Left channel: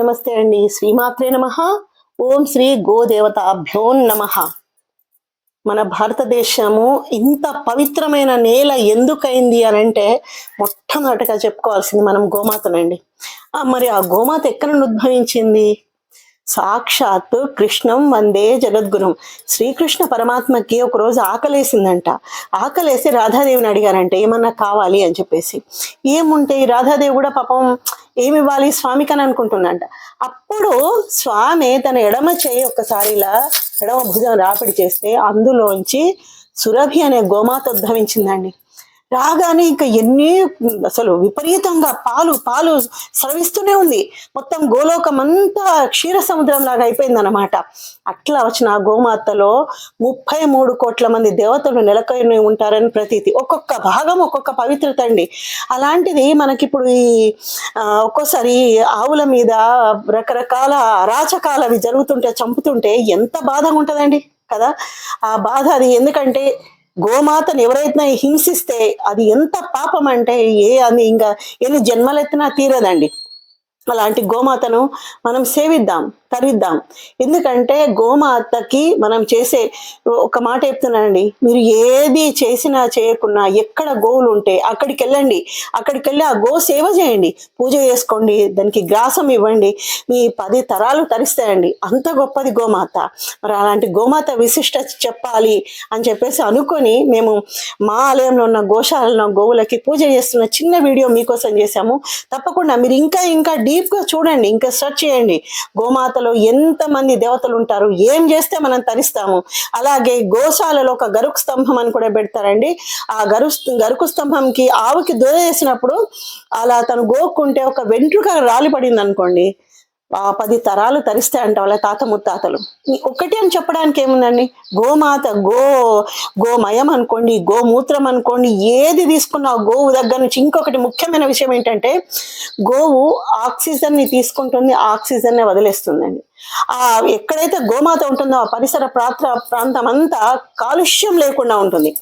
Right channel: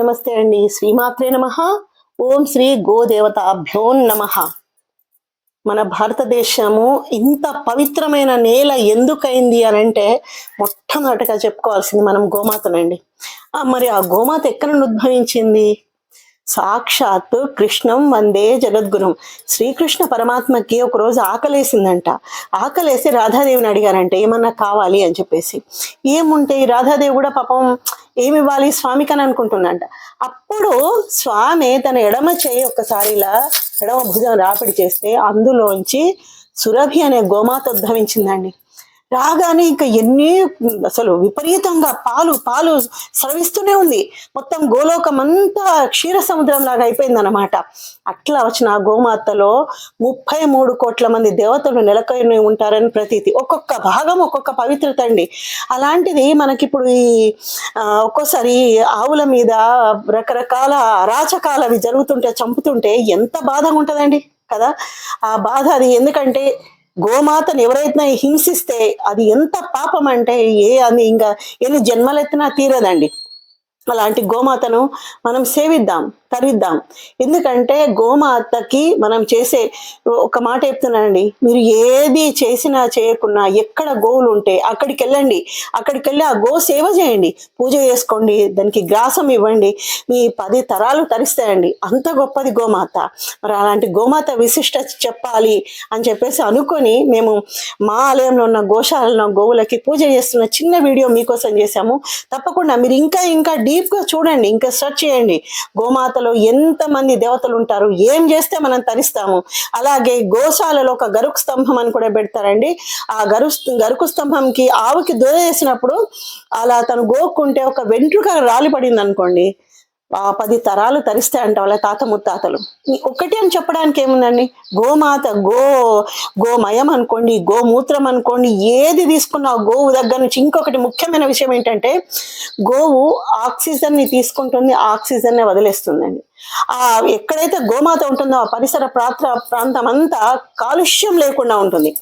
నమస్తే అండి. శ్రీమాత్రే నమః. ఓం శ్రీ గోదేవతాభ్యో నమః. మన భారతదేశము ఇంత పవిత్రమైన నేల ఎందుకైంది అని అంటే మొట్టమొదటిగా చెప్పుకోవాల్సింది మనం గోమాతనండి. మరి ఆ గోమాత ఎక్కడ నుండి ఉద్భవించింది? సాక్షాత్తు కృష్ణం వందే జగద్గురుం. శ్రీకృష్ణ పరమాత్మకి ఒకరోజు ఆకలేసిందంట. ఆకలేసి రాధాదేవిని అడిగారంట ఏమన్నా కావాలి అని చెప్పేసి. ఏముంటే ఈ రాధాదేవి కూడా పాపం ఏమి ఇవ్వాలి స్వామికి అని అనుకుంటుందంట. అప్పుడు స్వామి తన ఎడమ చేయి ఒక్కసారి ఇలా ఎడమ భుజం రాపిడి చేస్తే అందులోంచి సురభి అనే గోమాత ఉద్భవించిందండి. రాగానే ఇంకా ఎన్ని అసలు విపరీతంగా పాలు పాలు స్రవిస్తూనే ఉంది. మొత్తం గోలోకం అంతా క్షీర సముద్రం లాగా అయిపోయింది అనమాట. అట్లా వచ్చిన ఆ గోమాతలో 33 కోట్ల మంది దేవతలు నెలకొని ఉంటారని ప్రతీతి. ఒక్కొక్క భాగం ఒక్కొక్క పవిత్రత అండి. అలాంటిది మనకిప్పుడు ఈ ఒక్కోసారి ఆవుల మీద రకరకాల అరాచకాలు అవి జరుగుతుంటే చంపుతుంటే ఎంత బాధగా ఉంటుందండి కదా. ఆ బాధ అది ఎందుకంటే గోమాతను ఎవరైతే హింసిస్తే అది ఎంత పాపం అంటే అది ఇంకా ఎన్ని జన్మలెత్తినా తీరదండి. అలాంటి గోమాతను మనం సేవిద్దాం, తరిద్దాం. ఎందుకంటే గోమాతకి మనం చేసే ఒక మాట చెప్తున్నానండి, మీరు ఏది చేసినా చేయకున్నా ఎక్కడ గోవులు ఉంటే అక్కడికి వెళ్ళండి. అక్కడికి వెళ్ళి ఆ గో సేవ చేయండి, పూజ చేసుకోండి, దానికి గ్రాసం ఇవ్వండి. మీ 10 తరాలు తరిస్తాయండి. అంత గొప్పది గోమాత. మరి అలాంటి గోమాత విశిష్టత చెప్పాలి అని చెప్పేసి అనుకొని మేము మా ఆలయంలో ఉన్న గోశాలలో గోవులకి పూజ చేస్తున్న చిన్న వీడియో మీకోసం చేశాము. తప్పకుండా మీరు ఇంకా డీప్గా చూడండి, ఇంకా సెర్చ్ చేయండి. గోమాతలో ఎంతమంది దేవతలు ఉంటారు, ఏం చేస్తే మనం తరిస్తాము. అలాగే గోశాలలో ఒక గరుకు స్తంభం అని కూడా పెడతారండి. ఆ గరుకు స్తంభంకి ఆవుకి దూర చేసినప్పుడు అలా తను గోక్కుంటే ఒక వెంట్రుక రాలిపడింది అనుకోండి, ఆ 10 తరాలు తరిస్తాయంట వాళ్ళ తాత ముత్తాతలు. ఒకటి అని చెప్పడానికి ఏముందండి, గోమాత గోమయం అనుకోండి, గోమూత్రం అనుకోండి, ఏది తీసుకున్నా గోవు దగ్గర నుంచి. ఇంకొకటి ముఖ్యమైన విషయం ఏంటంటే గోవు ఆక్సిజన్ని తీసుకుంటుంది, ఆక్సిజన్నే వదిలేస్తుందండి. ఎక్కడైతే గోమాత ఉంటుందో ఆ పరిసర ప్రాంతం అంతా కాలుష్యం లేకుండా ఉంటుంది.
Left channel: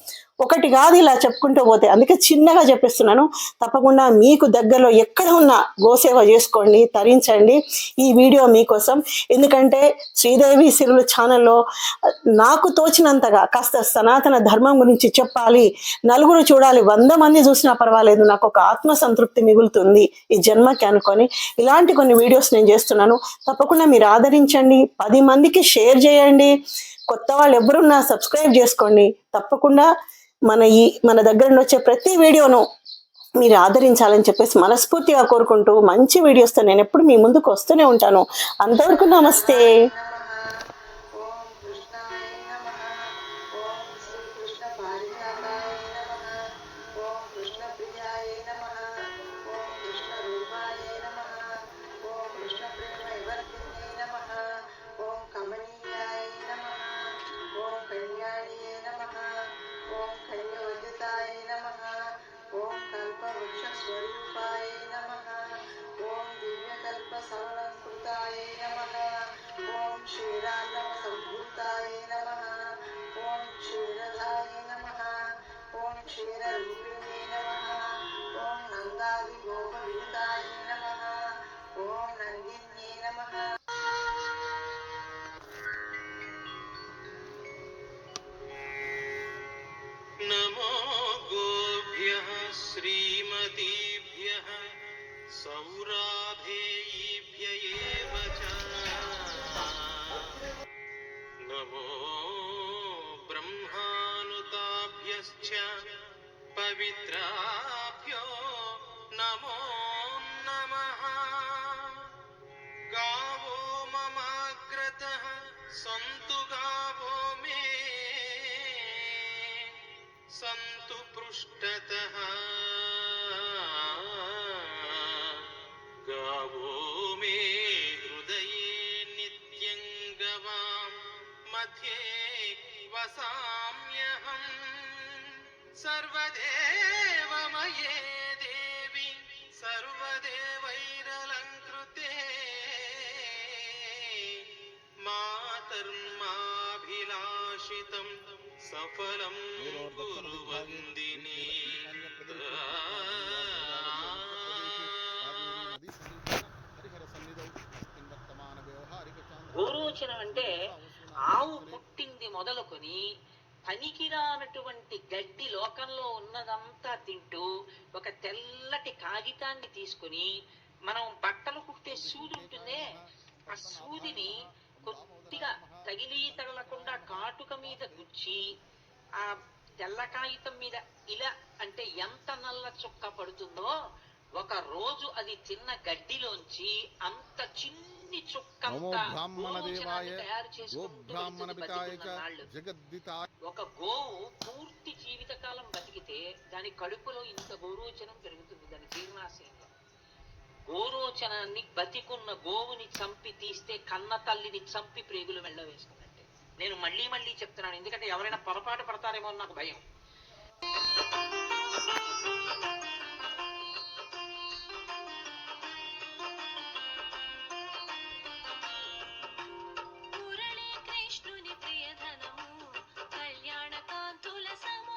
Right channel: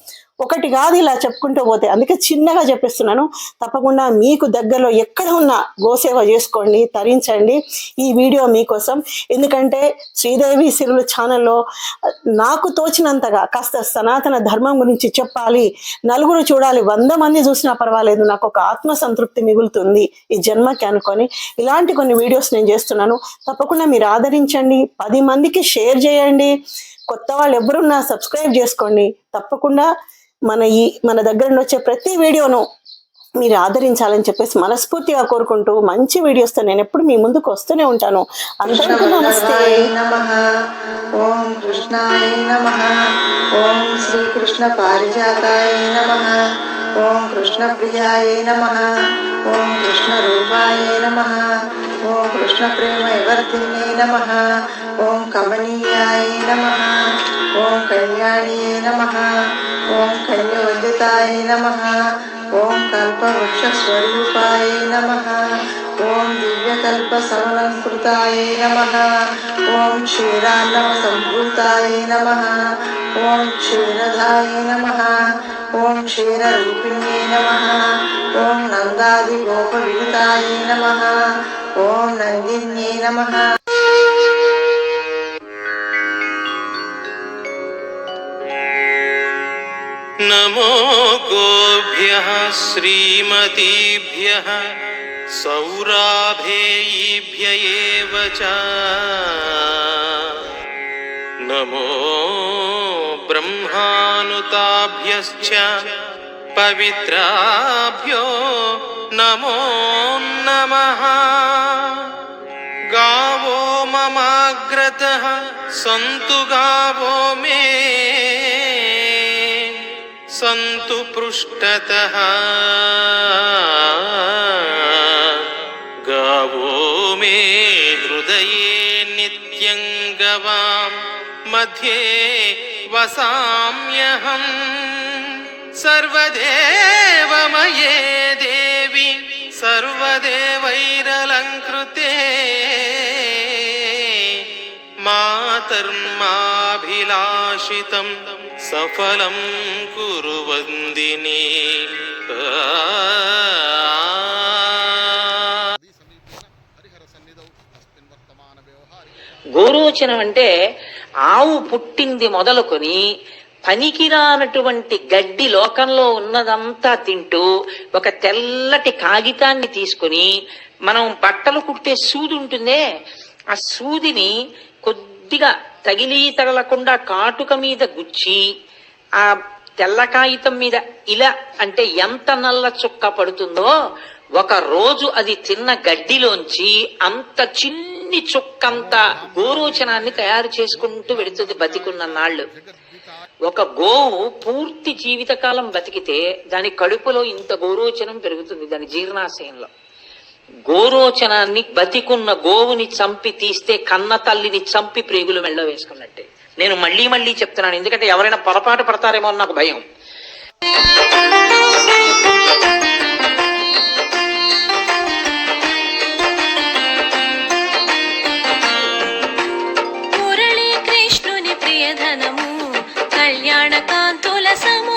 ఒకటి కాదు ఇలా చెప్పుకుంటూ పోతే. అందుకే చిన్నగా చెప్పిస్తున్నాను. తప్పకుండా మీకు దగ్గరలో ఎక్కడ ఉన్నా గోసేవ చేసుకోండి, తరించండి. ఈ వీడియో మీకోసం. ఎందుకంటే శ్రీదేవి సిరులు ఛానల్లో నాకు తోచినంతగా కాస్త సనాతన ధర్మం గురించి చెప్పాలి, నలుగురు చూడాలి, 100 మంది చూసినా పర్వాలేదు, నాకు ఒక ఆత్మ సంతృప్తి మిగులుతుంది ఈ జన్మకి అనుకొని ఇలాంటి కొన్ని వీడియోస్ నేను చేస్తున్నాను. తప్పకుండా మీరు ఆదరించండి, 10 మందికి షేర్ చేయండి. కొత్త వాళ్ళు ఎవరున్నా సబ్స్క్రైబ్ చేసుకోండి. తప్పకుండా మన దగ్గర వచ్చే ప్రతి వీడియోను మీరు ఆదరించాలని చెప్పేసి మనస్ఫూర్తిగా కోరుకుంటూ మంచి వీడియోస్తో నేను ఎప్పుడు మీ ముందుకు వస్తూనే ఉంటాను. అందరికీ నమస్తే. ఓం కృష్ణాయ నమః. ఓం శ్రీకృష్ణ పారిజాతాయ నమః. ఓం కృష్ణ ప్రియాయ నమః. ఓం కృష్ణ రూపాయ నమః. ఓం కృష్ణ ప్రేమవర్ధినే నమః. ఓం కమనీయాయ నమః. ఓం కళ్యాణ్యే నమః. ఓం కన్యవందితాయ నమః. ఓం కల్పవృక్షస్వరూపాయ నమః. ఓం దివ్యకల్పసమలంకృతాయ నమః. ఓం క్షీరాన్నవ సంభూతాయ నమః. ఓం క్షీరదాయ నమః. ఓం క్షీరరూపిణ్యే నమః. ఓం నందాది గోపవినుతాయ నమః. ఓం నందిన్యే నమః. నమో గోభ్యః శ్రీమతీభ్యః సౌరాభేయీభ్య ఏవ చ. నమో బ్రహ్మానుతాభ్యశ్చ పవిత్రాభ్యో నమో నమః. గావో మమాగ్రతః సంతు గావో మే సంతు పృష్ఠతః. గావో మే హృదయే నిత్యం గవాం మధ్యే వసామ్యహం. సర్వదేవమయే దేవి సర్వదేవైరలంకృతే. మాతర్మాభిలాషితం సఫలం కురు వందిని. హరిహర సన్నిధౌ గోరోచనం అంటే ఆవు పుట్టింది మొదలుకొని పనికిరానటువంటి గడ్డి లోకంలో ఉన్నదంతా తింటూ ఒక తెల్లటి కాగితాన్ని తీసుకొని, మనం బట్టలు కుట్టే సూది ఉంటుందే, ఆ సూదిని కొద్దిగా తగలకుండా కాటుక మీద గుచ్చి ఆ తెల్ల కాగితం మీద ఇలా అంటే ఎంత నల్ల చుక్క పడుతుందో, ఒక రోజు అది తిన్న గడ్డిలోంచి అంత చిన్ని చుక్కంత గోరోచనాన్ని తయారు చేసుకుంటూ వెళుతుంది బతికున్న నాళ్ళు. ఒక గోవు పూర్తి జీవితకాలం బతికితే దాని కడుపులో ఇంత గోరోచనం పెరుగుతుంది, దాని జీర్ణాశయంలో. గోరోచనాన్ని బతికున్న గోవుని చంపి తీస్తే కన్న తల్లిని చంపి ప్రేగులు మెళ్ళో వేసుకున్నట్టే. నేను మళ్ళీ మళ్ళీ చెప్తున్నాను, ఎందుకంటే ఎవరైనా పొరపాటు పడతారేమో అని నాకు భయం. మురళీ కృష్ణుని ప్రియధనము, కళ్యాణ కాంతుల సము